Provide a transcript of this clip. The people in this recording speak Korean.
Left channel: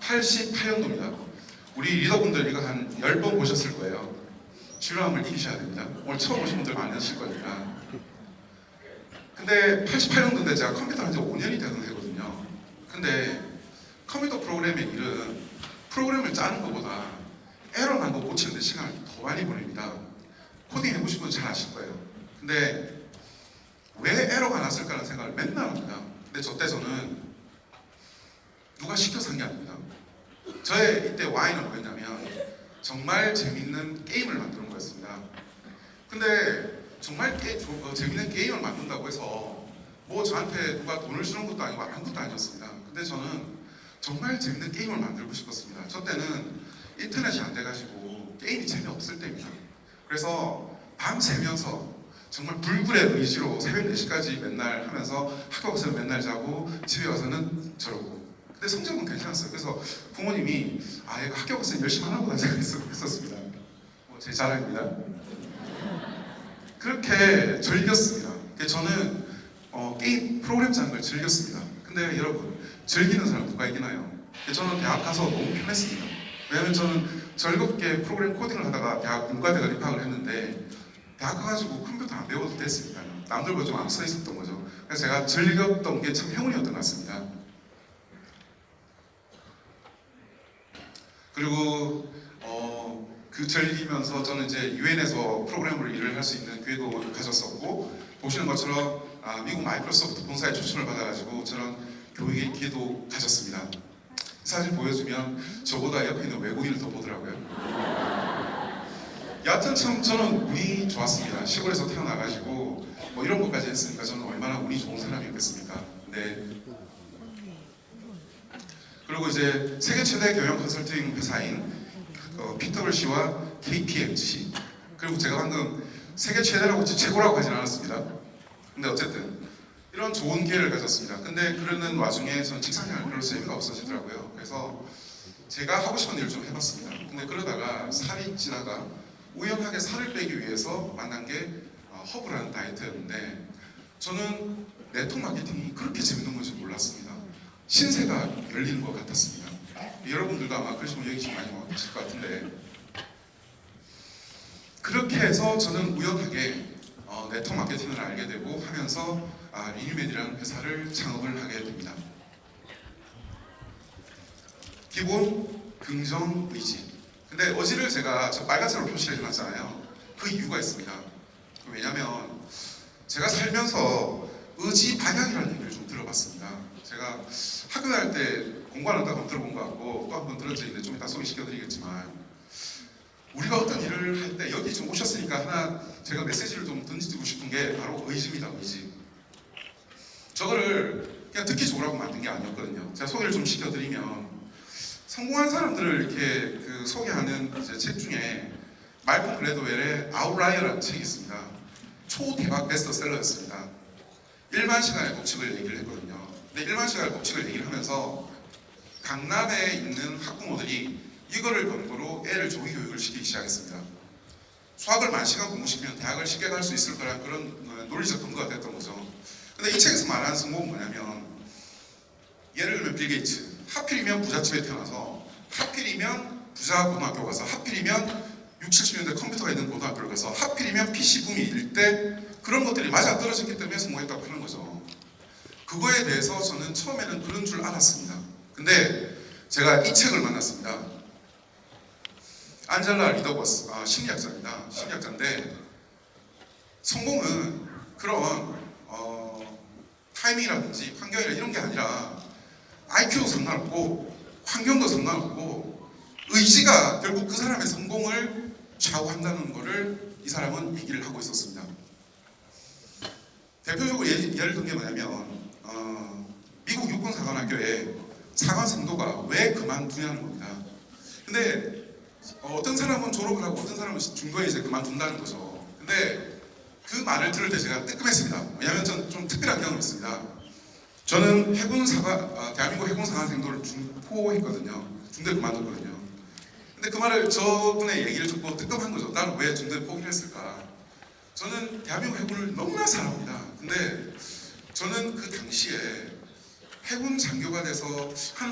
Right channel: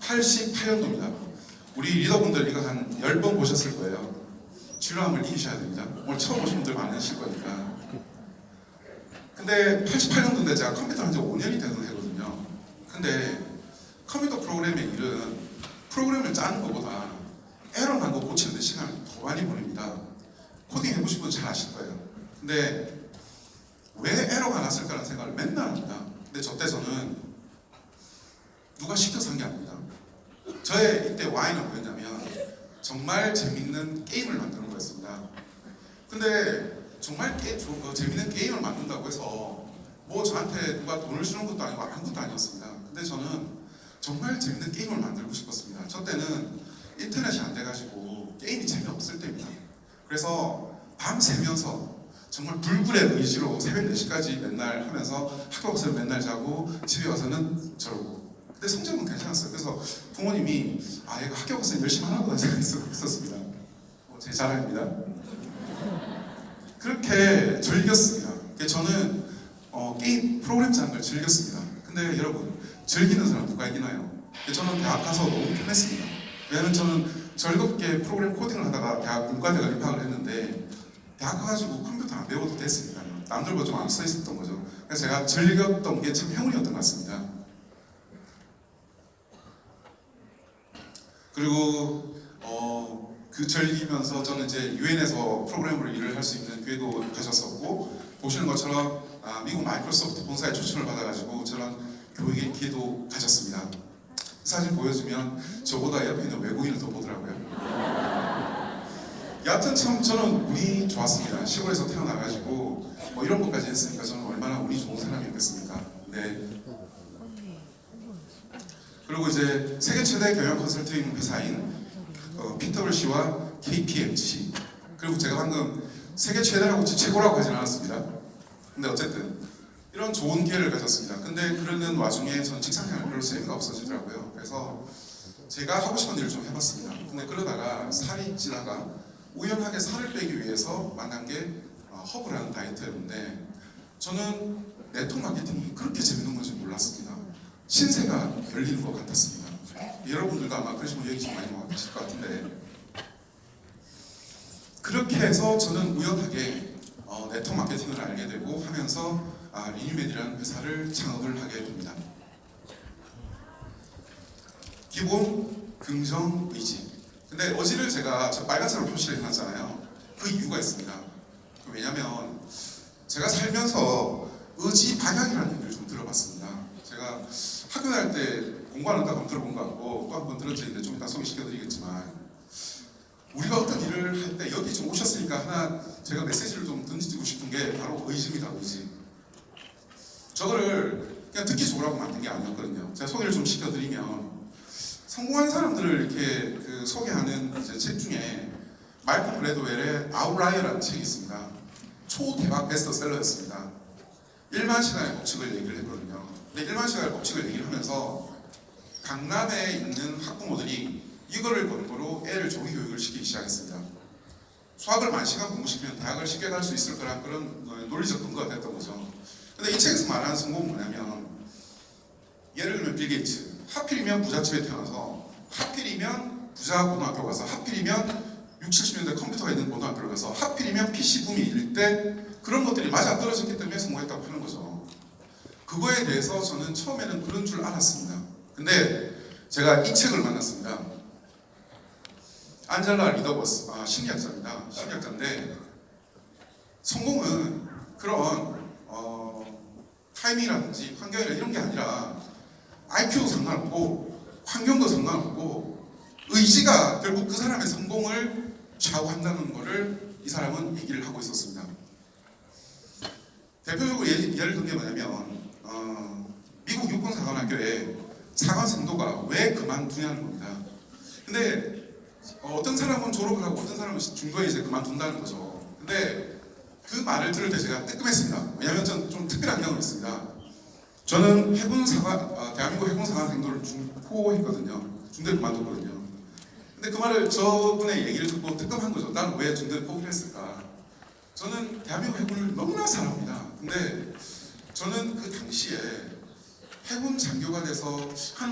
88년도입니다. 우리 리더분들 이거 한 10번 보셨을 거예요. 지루함을 이기셔야 됩니다. 오늘 처음 오신 분들 많이 하실 거니까. 근데 88년도인데 제가 컴퓨터 한 지 5년이 되거든요. 근데 컴퓨터 프로그램의 일은 프로그램을 짜는 것보다 에러 난 거 고치는 데 시간을 더 많이 보냅니다. 코딩 해보신 분 잘 아실 거예요. 근데 왜 에러가 났을까라는 생각을 맨날 합니다. 근데 저 때 저는 누가 시켜서 한 게 아닙니다. 저의 이때 Y는 뭐였냐면 정말 재밌는 게임을 만드는 거였습니다. 근데 정말 재밌는 게임을 만든다고 해서 뭐 저한테 누가 돈을 주는 것도 아니고 아무것도 아니었습니다. 근데 저는 정말 재밌는 게임을 만들고 싶었습니다. 저 때는 인터넷이 안 돼가지고 게임이 재미없을 때입니다. 그래서 밤새면서 정말 불굴의 의지로 새벽 4시까지 맨날 하면서 학교 가서 맨날 자고 집에 와서는 저러고. 근데 성적은 괜찮았어요. 그래서 부모님이 얘가 학교 가서 열심히 하나보다 생각했었습니다. 제 자랑입니다. 그렇게 즐겼습니다. 저는 게임 프로그램 짜는 걸 즐겼습니다. 근데 여러분 즐기는 사람 누가 이기나요? 저는 대학 가서 너무 편했습니다. 왜냐면 저는 즐겁게 프로그램 코딩을 하다가 대학 문과대학을 입학을 했는데 대학 가가지고 컴퓨터 안 배워도 됐으니까요. 남들보다 좀 앞서 있었던 거죠. 그래서 제가 즐겼던 게 참 행운이었던 것 같습니다. 그리고 그 즐기면서 저는 이제 유엔에서 프로그래머로 일을 할 수 있는 기회도 가졌었고, 보시는 것처럼 미국 마이크로소프트 본사의 초청을 받아가지고 저런 교육의 기회도 가졌습니다. 사진 보여주면 저보다 옆에 있는 외국인을 더 보더라고요. 여하튼 참 저는 운이 좋았습니다. 시골에서 태어나가지고 뭐 이런 것까지 했으니까 저는 얼마나 운이 좋은 사람이었겠습니까? 네. 그리고 이제 세계 최대 경영 컨설팅 회사인 PwC와 KPMG, 그리고 제가 방금 세계 최대라고 최고라고 하진 않았습니다. 근데 어쨌든 이런 좋은 기회를 가졌습니다. 근데 그러는 와중에 저는 직장생활 별로 재미가 없어지더라고요. 그래서 제가 하고 싶은 일을 좀 해봤습니다. 근데 그러다가 살이 찌다가 우연하게 살을 빼기 위해서 만난 게 허브라는 다이어트였는데, 저는 네트워크 마케팅이 그렇게 재밌는 건지 몰랐습니다. 신세가 열리는 것 같았습니다. 여러분들도 아마 그러시면 여기 좀 많이 계실 것 같은데, 그렇게 해서 저는 우연하게 네트워크 마케팅을 알게 되고 하면서 리뉴맨이라는 회사를 창업을 하게 됩니다. 기본 긍정 의지. 근데 의지를 제가 저 빨간색으로 표시를 해놨잖아요. 그 이유가 있습니다. 왜냐면 제가 살면서 의지 반향이라는 얘기를 좀 들어봤습니다. 제가 학교 다닐 때 공부하는다고 한번 들어본 것 같고 또 한 번 들은 적이 있는데 좀 이따 소개시켜드리겠지만, 우리가 어떤 일을 할 때 여기 좀 오셨으니까 하나 제가 메시지를 좀 던지고 싶은 게 바로 의지입니다. 의지. 저거를 그냥 듣기 좋으라고 만든 게 아니었거든요. 제가 소개를 좀 시켜드리면, 성공한 사람들을 이렇게 소개하는 이제 책 중에 말콤 글래드웰의 아웃라이어라는 책이 있습니다. 초대박 베스트셀러였습니다. 1만 시간의 법칙을 얘기를 했거든요. 근데 1만 시간의 법칙을 얘기를 하면서 강남에 있는 학부모들이 이거를 근거로 애를 조기 교육을 시키기 시작했습니다. 수학을 10,000시간 공부시키면 대학을 쉽게 갈 수 있을 거란 그런 논리적 근거가 됐던 거죠. 근데 이 책에서 말하는 성공은 뭐냐면, 예를 들면 빌 게이츠, 하필이면 부잣집에 태어나서, 하필이면 부자 고등학교 가서, 하필이면 60, 70년대 컴퓨터가 있는 고등학교를 가서, 하필이면 PC붐이 일 때 그런 것들이 맞아떨어졌기 때문에 성공했다고 하는 거죠. 그거에 대해서 저는 처음에는 그런 줄 알았습니다. 근데 제가 이 책을 만났습니다. 안젤라 리더버스, 심리학자입니다. 심리학자인데, 성공은 그런 타이밍이라든지 환경이나 이런 게 아니라 IQ도 상관없고 환경도 상관없고 의지가 결국 그 사람의 성공을 좌우한다는 것을 이 사람은 얘기를 하고 있었습니다. 대표적으로 예를 든 게 뭐냐면 미국 육군사관학교에 사관 생도가 왜 그만두냐는 겁니다. 근데 어떤 사람은 졸업을 하고 어떤 사람은 중도에 이제 그만둔다는 거죠. 근데 그 말을 들을 때 제가 뜨끔했습니다. 왜냐하면 저는 좀 특별한 경험이 있습니다. 저는 대한민국 해군사관생도를 중포했거든요. 중도에 그만뒀거든요. 근데 그 말을 저분의 얘기를 듣고 뜨끔한 거죠. 나는 왜 중도에 포기를 했을까? 저는 대한민국 해군을 너무나 사랑합니다. 근데 저는 그 당시에 해군 장교가 돼서 한